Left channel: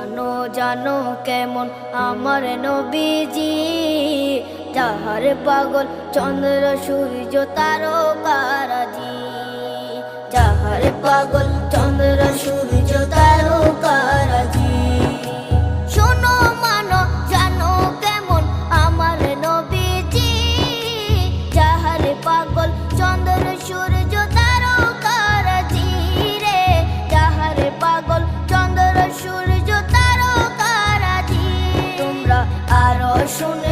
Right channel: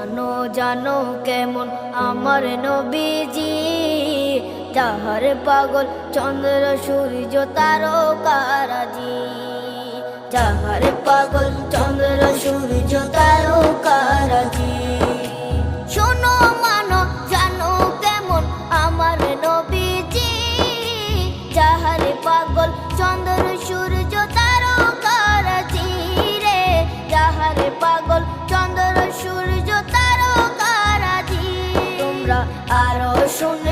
জানো জানো কেমন আমার নবীজি, যাহার পাগল চন্দ্র সূর্য তারকারাজি, যাহার পাগল চন্দ্র সূর্য তারকারাজি। শোনো মানো জানো কেমন আমার নবীজি, যাহার পাগল চন্দ্র সূর্য তারকারাজি রে, যাহার পাগল চন্দ্র সূর্য তারকারাজি। তোমরা আরো শুনে